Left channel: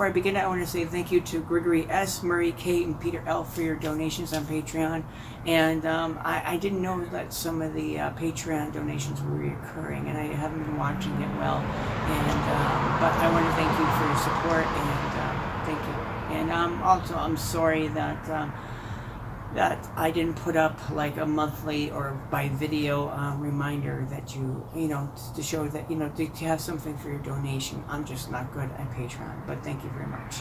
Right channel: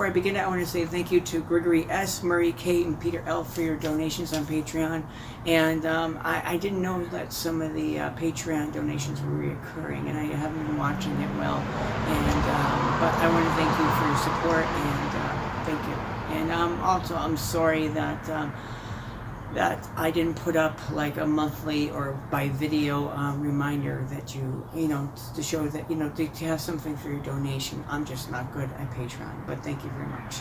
Before I begin, I want to say thank you to Gregory S., Murray K., and Peter L. for your donations on Patreon. And I didn't know that some of the Patreon donations were reoccurring, and I haven't been watching it well. And but I want to thank you for your support, and thank you. And also, I'm sorry that that I didn't put up like a monthly or by video reminder that you know, to show that, you know, to have something for your donation. I'm just not good at Patreon, but thank you very much.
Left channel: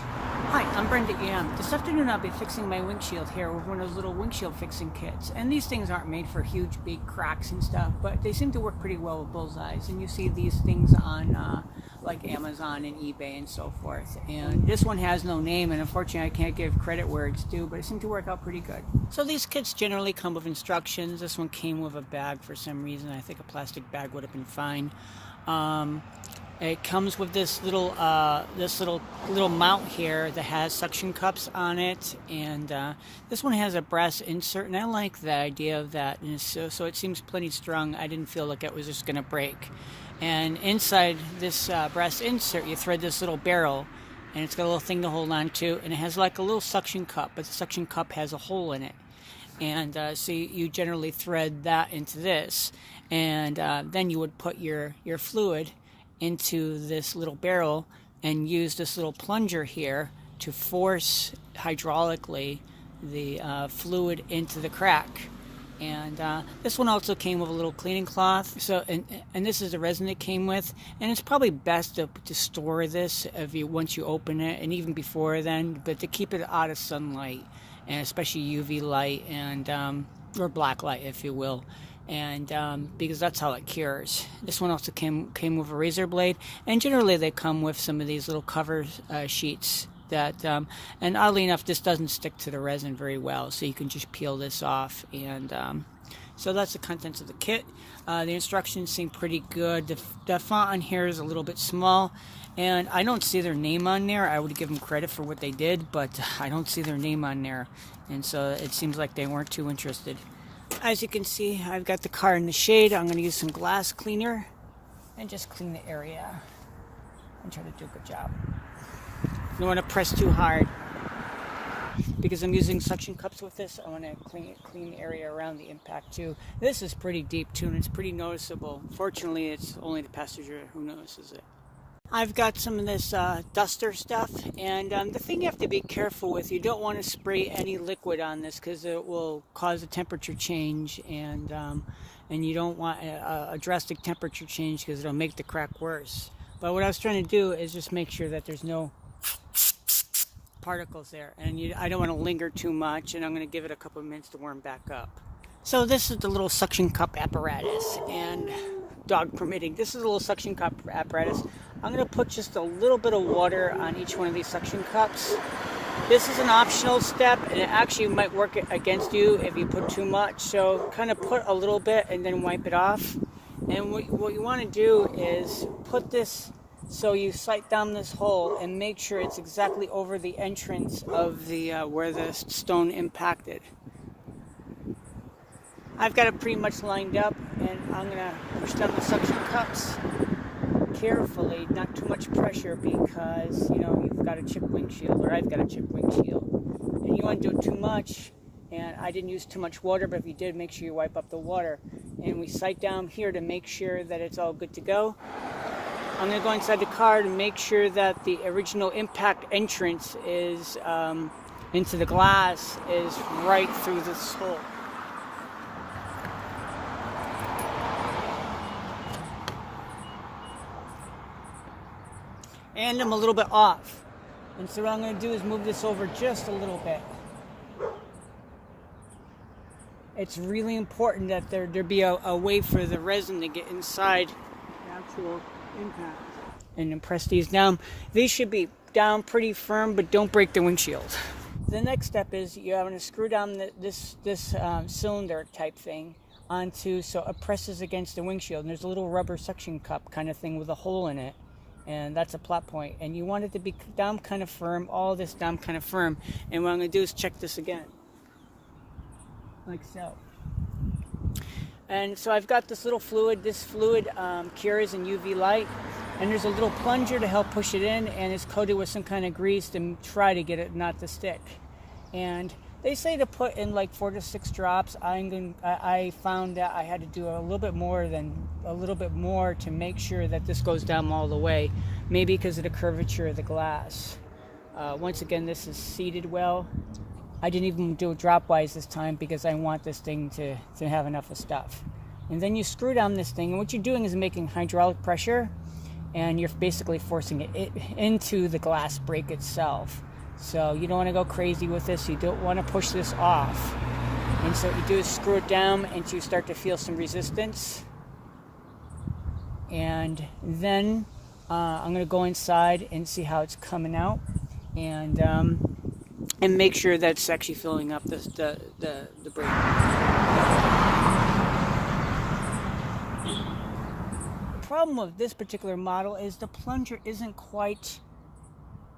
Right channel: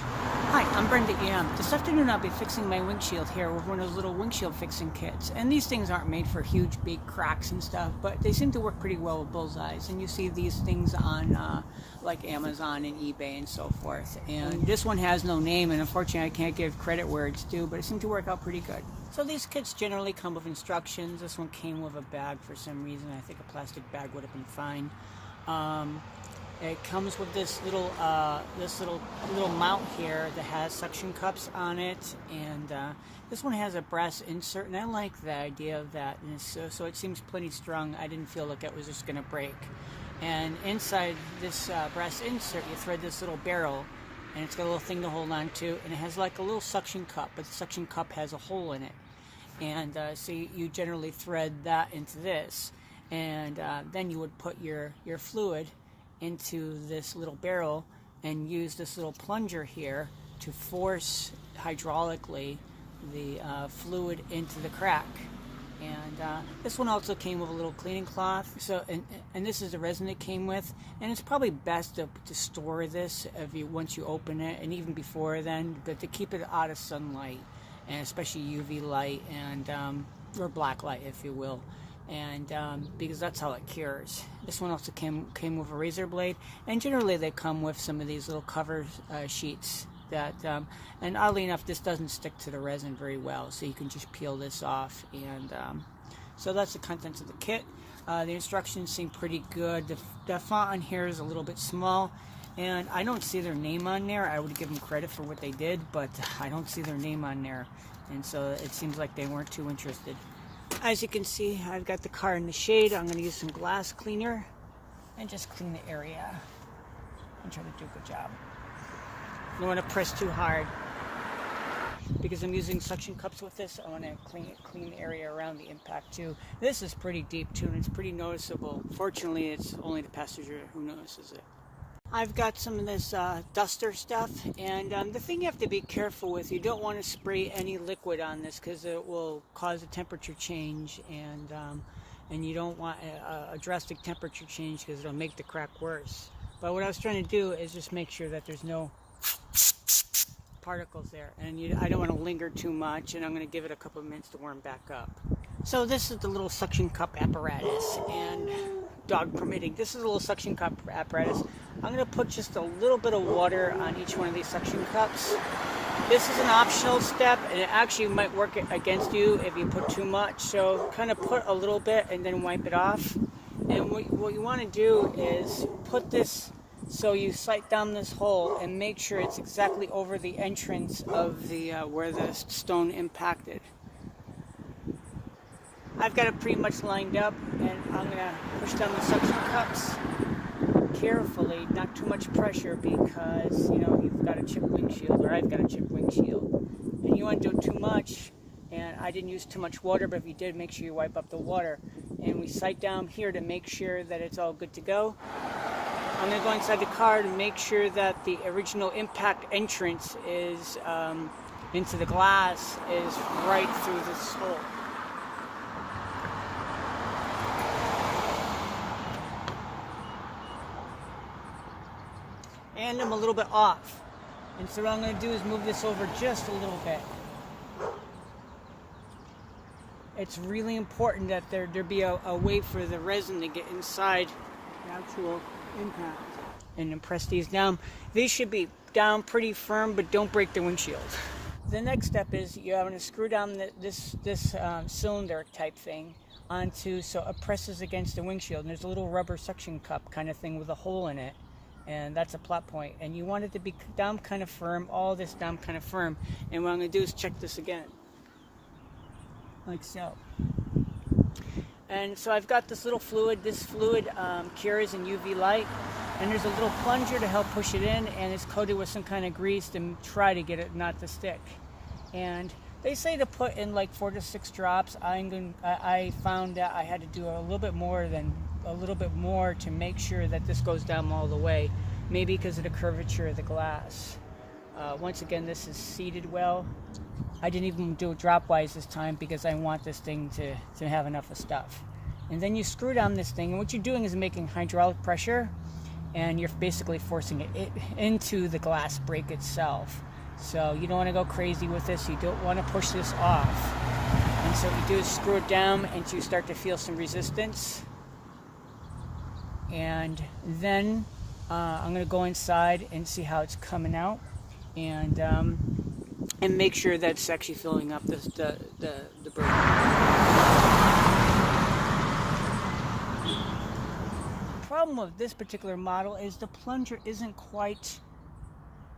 Hi, I'm BrendaEM. This afternoon I'll be fixing my windshield here with one of those little windshield fixing kits. And these things aren't made for huge, big cracks and stuff, but they seem to work pretty well with bullseyes. And you see these things on like Amazon and eBay and so forth. And this one has no name, and unfortunately I can't give credit where it's due, but it seemed to work out pretty good. So these kits generally come with instructions. This one came with a bag for some reason. I think a plastic bag would have been fine. It comes with this little mount here that has suction cups on it, and this one has a brass insert, and I like the idea of that. And so it seems plenty strong. I didn't feel like it was just going to break. And inside this brass insert, you thread this little barrel, and it's got a little thing to hold on to, and it has like a little suction cup, but the suction cup has a hole in it. And so you generally thread that into this, and then you would put your fluid into this little barrel and use this little plunger here to force hydraulically the fluid into the crack. And this one also came with a little cleaning cloth. So, and this is the resin it came with. And it's probably best to store this once you open it, and even before then, but to keep it out of sunlight, and especially UV light and or black light, if you will. And because that's how it cures. This one also came with a razor blade, and generally they come with some of these little cover sheets that, and oddly enough, this doesn't stick to the resin very well, so you can just peel this off. And so that's the contents of the kit. The instructions seem pretty good. The font on here is a little bit small, and I don't see their name on there. I would give them credit for what they did, but I don't see their name on there, and so it seems like they weren't too interested. As you can see, I've got the car in the shade. I'm going to use some glass cleaner and just clean the area and try to do a good job. You don't want to press too hard, because I'm using suction cups with this. I want to clean the area around the impact too. This is pretty deep too, and it's pretty noticeable. Fortunately, it's only the passenger who notices it. I've got some of this duster stuff, and the thing you have to be careful with, you don't want to spray any liquid on this because it will cause a temperature change, and you don't want a drastic temperature change because it'll make the crack worse. But what I was trying to do is just make sure that there's no particles there, and I don't want to linger too much, and I'm going to give it a couple of minutes to warm back up. So this is the little suction cup apparatus, and dog permitting, this is a little suction cup apparatus. I'm going to put just a little bit of water on each one of these suction cups. This is an optional step, and it actually might work against you if you put too much, so kind of put a little bit and then wipe it off. And what you want to do is put this, so you sight down this hole and make sure it's exactly over the entrance of the where the stone impacted. I've got it pretty much lined up, and I'm going to push down the suction cups carefully, not too much pressure, because, you know, you've got a chipped windshield, or I've got a chipped windshield. And you want to do too much, and I didn't use too much water, but if you did, make sure you wipe up the water. And we sight down here to make sure that it's all good to go. I'm going to go inside the car to make sure that the original impact entrance is into the glass is right through this hole. And I'm a little bit off. And so what I'm going to do is move this over just a little bit. It's really important that there be a way for the resin to get inside the actual impact. And then press these down. These should be down pretty firm, but don't break the windshield. The next step is you're going to screw down this cylinder type thing onto, so it presses against the windshield. And there's a little rubber suction cup kind of thing with a hole in it. And that's a plot point. And you want it to be down kind of firm, all this down kind of firm. And what I'm going to do is check this again. Like so. And so I've got this little fluid. This fluid cures in UV light. and there's a little plunger to help push it in, and it's coated with some kind of grease to try to get it not to stick. And they say to put in like 4 to 6 drops. I found that I had to do a little bit more to make sure that this goes down all the way, maybe because of the curvature of the glass. Once again, this is seated well. I didn't even do it dropwise this time because I want this thing to have enough of stuff. And then you screw down this thing, and what you're doing is making hydraulic pressure, and you're basically forcing it into the glass break itself. So you don't want to go crazy with this. You don't want to push this off. And so what you do is screw it down until you start to feel some resistance. And then I'm going to go inside and see how it's coming out, and make sure that's actually filling up the brake. The problem with this particular model is the plunger isn't quite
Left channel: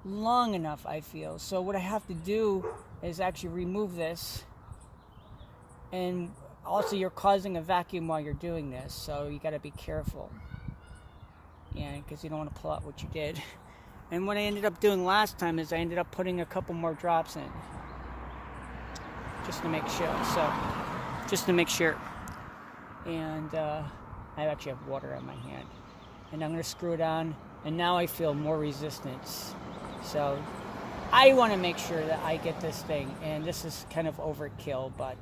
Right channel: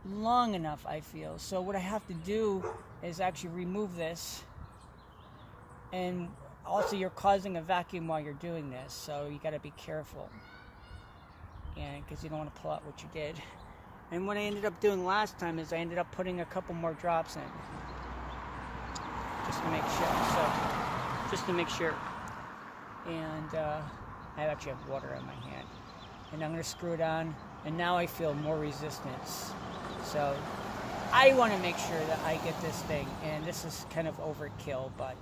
long enough, I feel. So what I have to do is actually remove this, and also you're causing a vacuum while you're doing this, so you got to be careful, because you don't want to pull out what you did. And what I ended up doing last time is I ended up putting a couple more drops in, just to make sure. And I actually have water on my hand, and I'm going to screw it on, and now I feel more resistance. So I want to make sure that I get this thing, and this is kind of overkill, but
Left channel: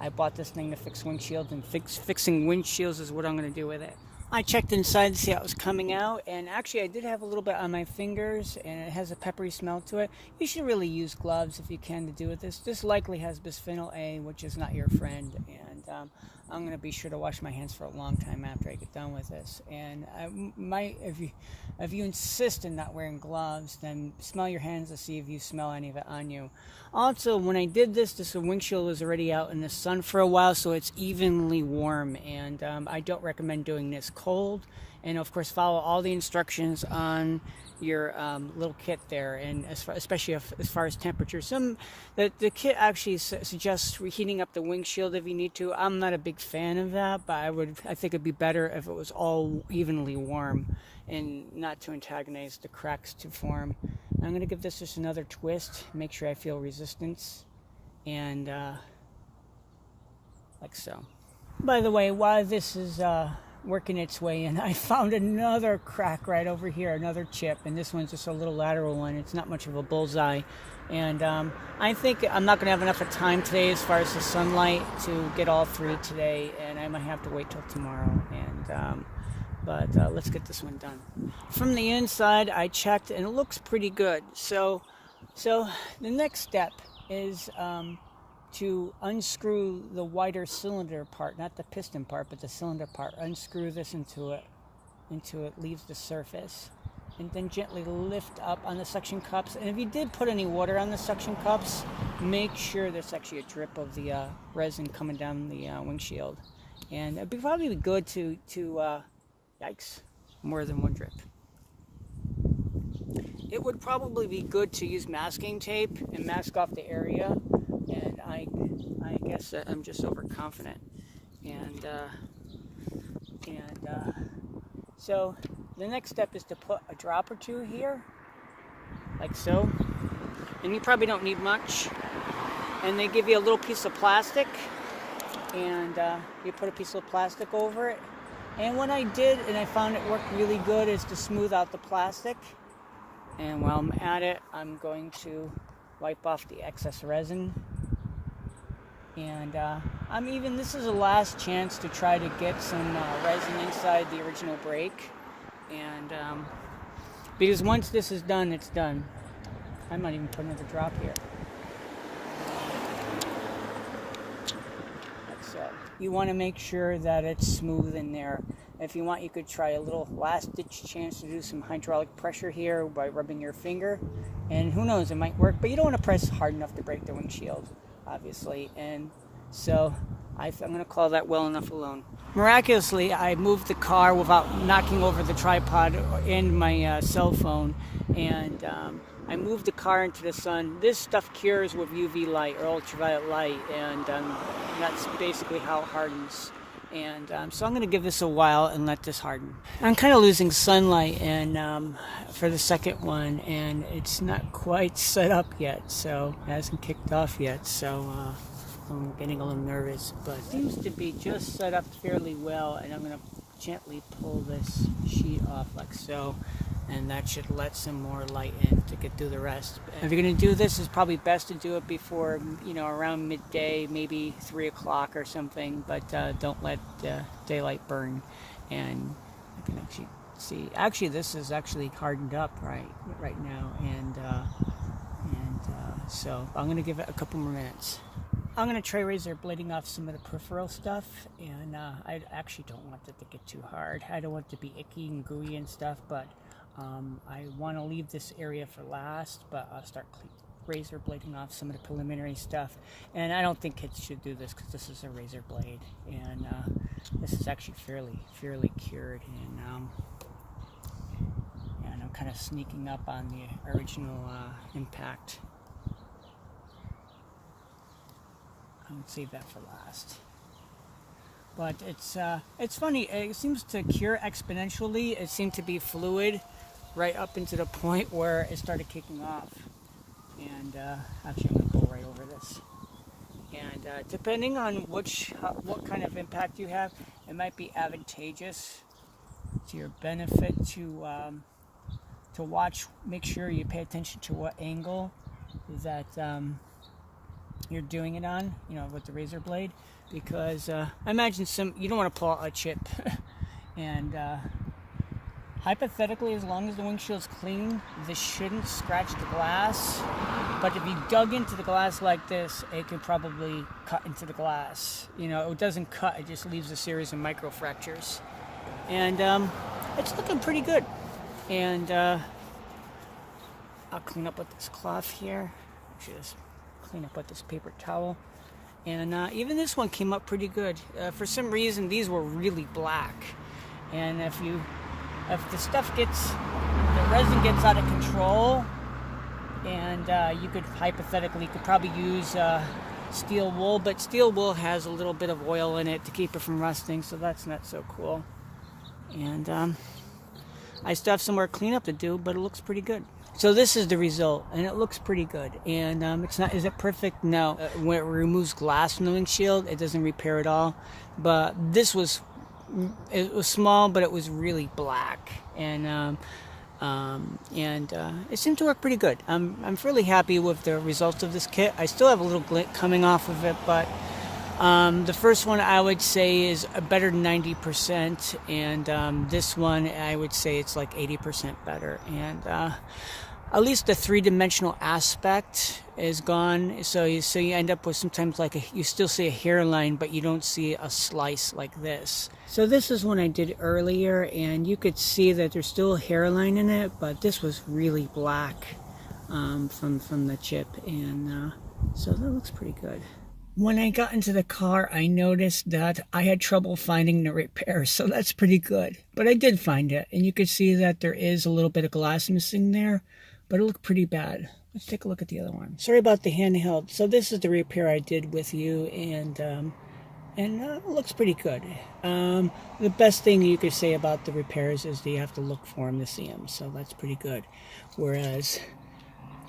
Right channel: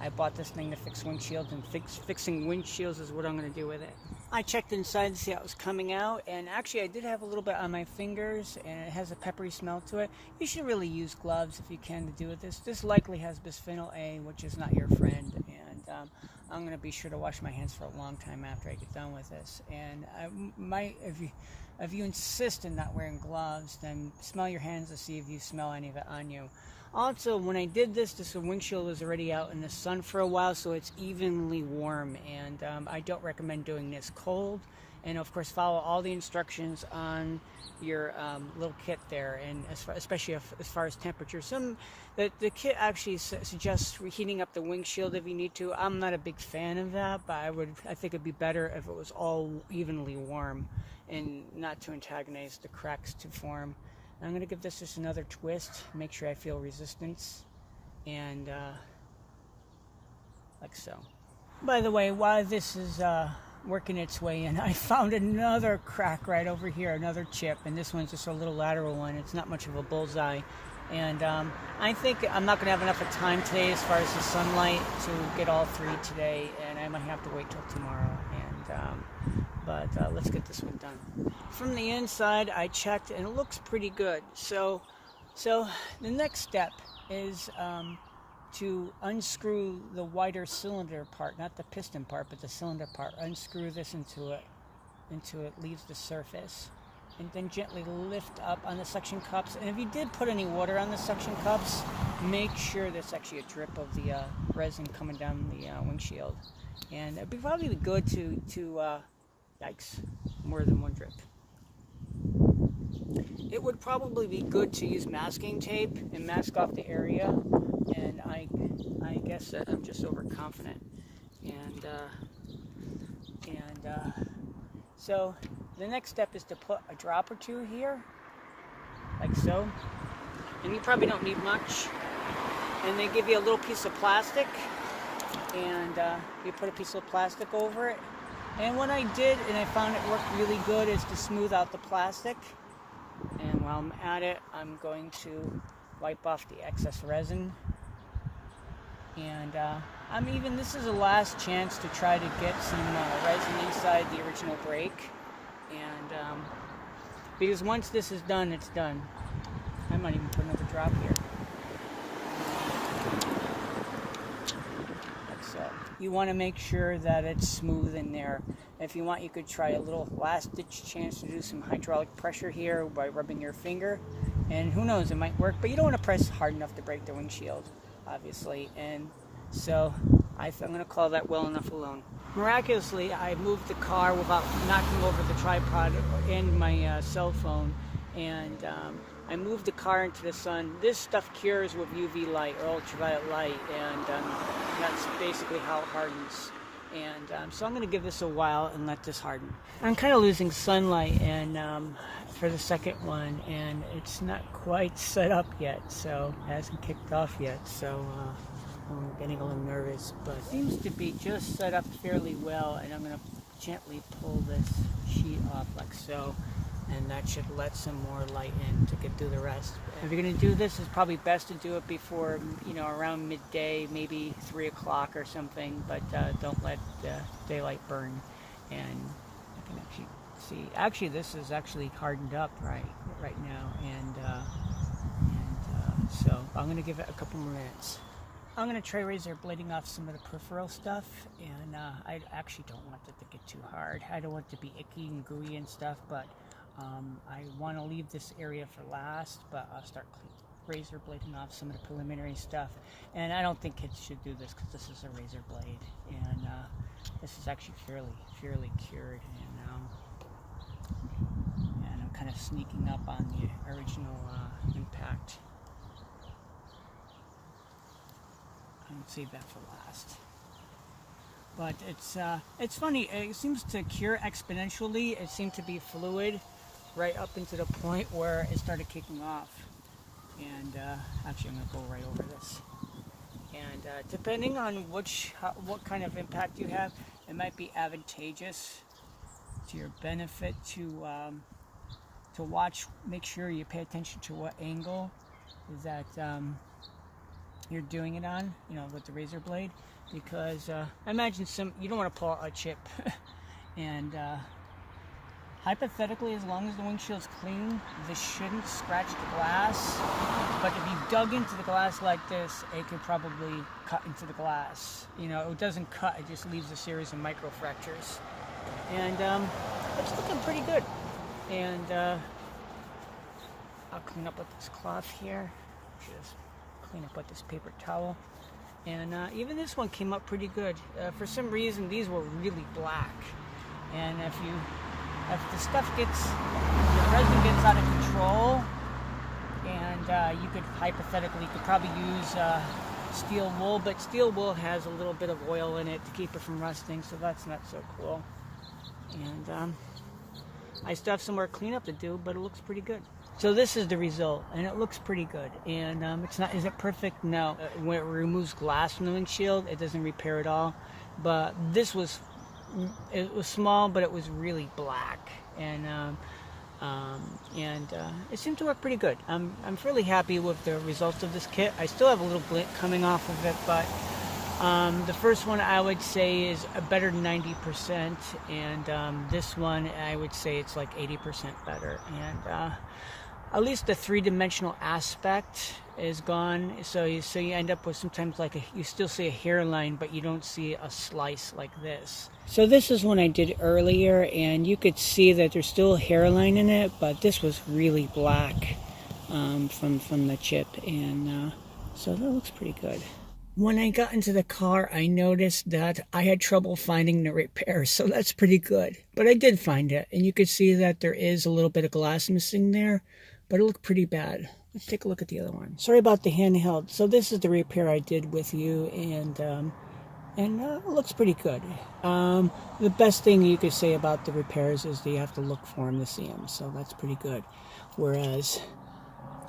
I bought this thing to fix windshields, and fixing windshields is what I'm going to do with it. I checked inside to see how it was coming out, and actually I did have a little bit on my fingers, and it has a peppery smell to it. You should really use gloves if you can to do with this. This likely has bisphenol A, which is not your friend, and I'm going to be sure to wash my hands for a long time after I get done with this. And if you insist on not wearing gloves, then smell your hands to see if you smell any of it on you. Also, when I did this windshield was already out in the sun for a while, so it's evenly warm, and I don't recommend doing this cold. And of course, follow all the instructions on your little kit there, and especially as far as temperature. The kit actually suggests reheating up the windshield if you need to. I'm not a big fan of that, but I think it'd be better if it was all evenly warm, and not to antagonize the cracks to form. I'm going to give this just another twist, make sure I feel resistance, and like so. By the way, while this is working its way in, I found another crack right over here, another chip, and this one's just a little lateral one. It's not much of a bullseye, and I think I'm not going to have enough of time today as far as the sunlight to get all 3 today, and I might have to wait till tomorrow. But let's get this one done. From the inside, I checked, and it looks pretty good. So the next step is to unscrew the wider cylinder part, not the piston part, but the cylinder part. Unscrew this until it leaves the surface, and then gently lift up on the suction cups. And if you did put any water on the suction cups, make sure there's actually a drip of the resin coming down the windshield. And it'd probably be good to yikes, more than one drip. It would probably be good to use masking tape and mask off the area, and I guess that I'm just overconfident. So the next step is to put a drop or 2 here, like so. And you probably don't need much. And they give you a little piece of plastic, and you put a piece of plastic over it. And what I did, and I found it worked really good, is to smooth out the plastic. And while I'm at it, I'm going to wipe off the excess resin. And this is a last chance to try to get some resin inside the original brake. And because once this is done, it's done. I might even put another drop here. You want to make sure that it's smooth in there. If you want, you could try a little last-ditch chance to do some hydraulic pressure here by rubbing your finger. And who knows, it might work, but you don't want to press hard enough to break the windshield, obviously. And so I'm going to call that well enough alone. Miraculously, I moved the car without knocking over the tripod and my cell phone. And I moved the car into the sun. This stuff cures with UV light or ultraviolet light, and that's basically how it hardens. And so I'm going to give this a while and let this harden. I'm kind of losing sunlight and for the second one, and it's not quite set up yet, so it hasn't kicked off yet, so I'm getting a little nervous, but it seems to be just set up fairly well, and I'm going to gently pull this sheet off like so, and that should let some more light in to get through the rest. If you're going to do this, it's probably best to do it before, around midday, maybe 3 o'clock or something, but don't let daylight burn. And I can actually see, this is actually hardened up right now, and so I'm going to give it a couple more minutes. I'm going to try razor blading off some of the peripheral stuff, and I actually don't want it to get too hard. I don't want it to be icky and gooey and stuff, but I want to leave this area for last, but I'll start razor blading off some of the preliminary stuff. And I don't think kids should do this because this is a razor blade, and this is actually fairly cured, and I'm kind of sneaking up on the original impact. I'll save that for last. But it's funny. It seems to cure exponentially. It seemed to be fluid right up into the point where it started kicking off. And actually, I'm gonna go right over this. And depending on what kind of impact you have, it might be advantageous to your benefit to watch. Make sure you pay attention to what angle that you're doing it on, with the razor blade, because I imagine you don't want to pull out a chip, and hypothetically, as long as the windshield's clean, this shouldn't scratch the glass. But if you dug into the glass like this, it could probably cut into the glass. It doesn't cut; it just leaves a series of micro fractures, and it's looking pretty good. And I'll clean up with this cloth here. Just clean up with this paper towel, and even this one came up pretty good. For some reason, these were really black, and if the resin gets out of control, and you could probably use steel wool, but steel wool has a little bit of oil in it to keep it from rusting, so that's not so cool. And I still have some more cleanup to do, but it looks pretty good. So this is the result, and it looks pretty good. And is it perfect? No. When it removes glass from the windshield, it doesn't repair it all. But this was small, but it was really black, and it seemed to work pretty good. I'm fairly happy with the results of this kit. I still have a little glint coming off of it, but the first one I would say is better than 90%, and this one I would say it's like 80% better. And at least the three-dimensional aspect is gone, so you end up with sometimes you still see a hairline, but you don't see a slice like this. So this is one I did earlier, and you could see that there's still a hairline in it, but this was really black from the chip, and so that looks pretty good. When I got into the car, I noticed that I had trouble finding the repair, so that's pretty good. But I did find it, and you could see that there is a little bit of glass missing there, but it looked pretty bad. Let's take a look at the other one. Sorry about the handheld. So this is the repair I did with you, and it looks pretty good. The best thing you could say about the repairs is that you have to look for them to see them, so that's pretty good. Whereas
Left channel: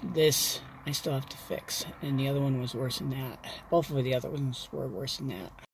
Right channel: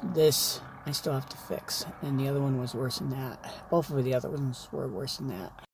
this, I still have to fix, and the other one was worse than that. Both of the other ones were worse than that.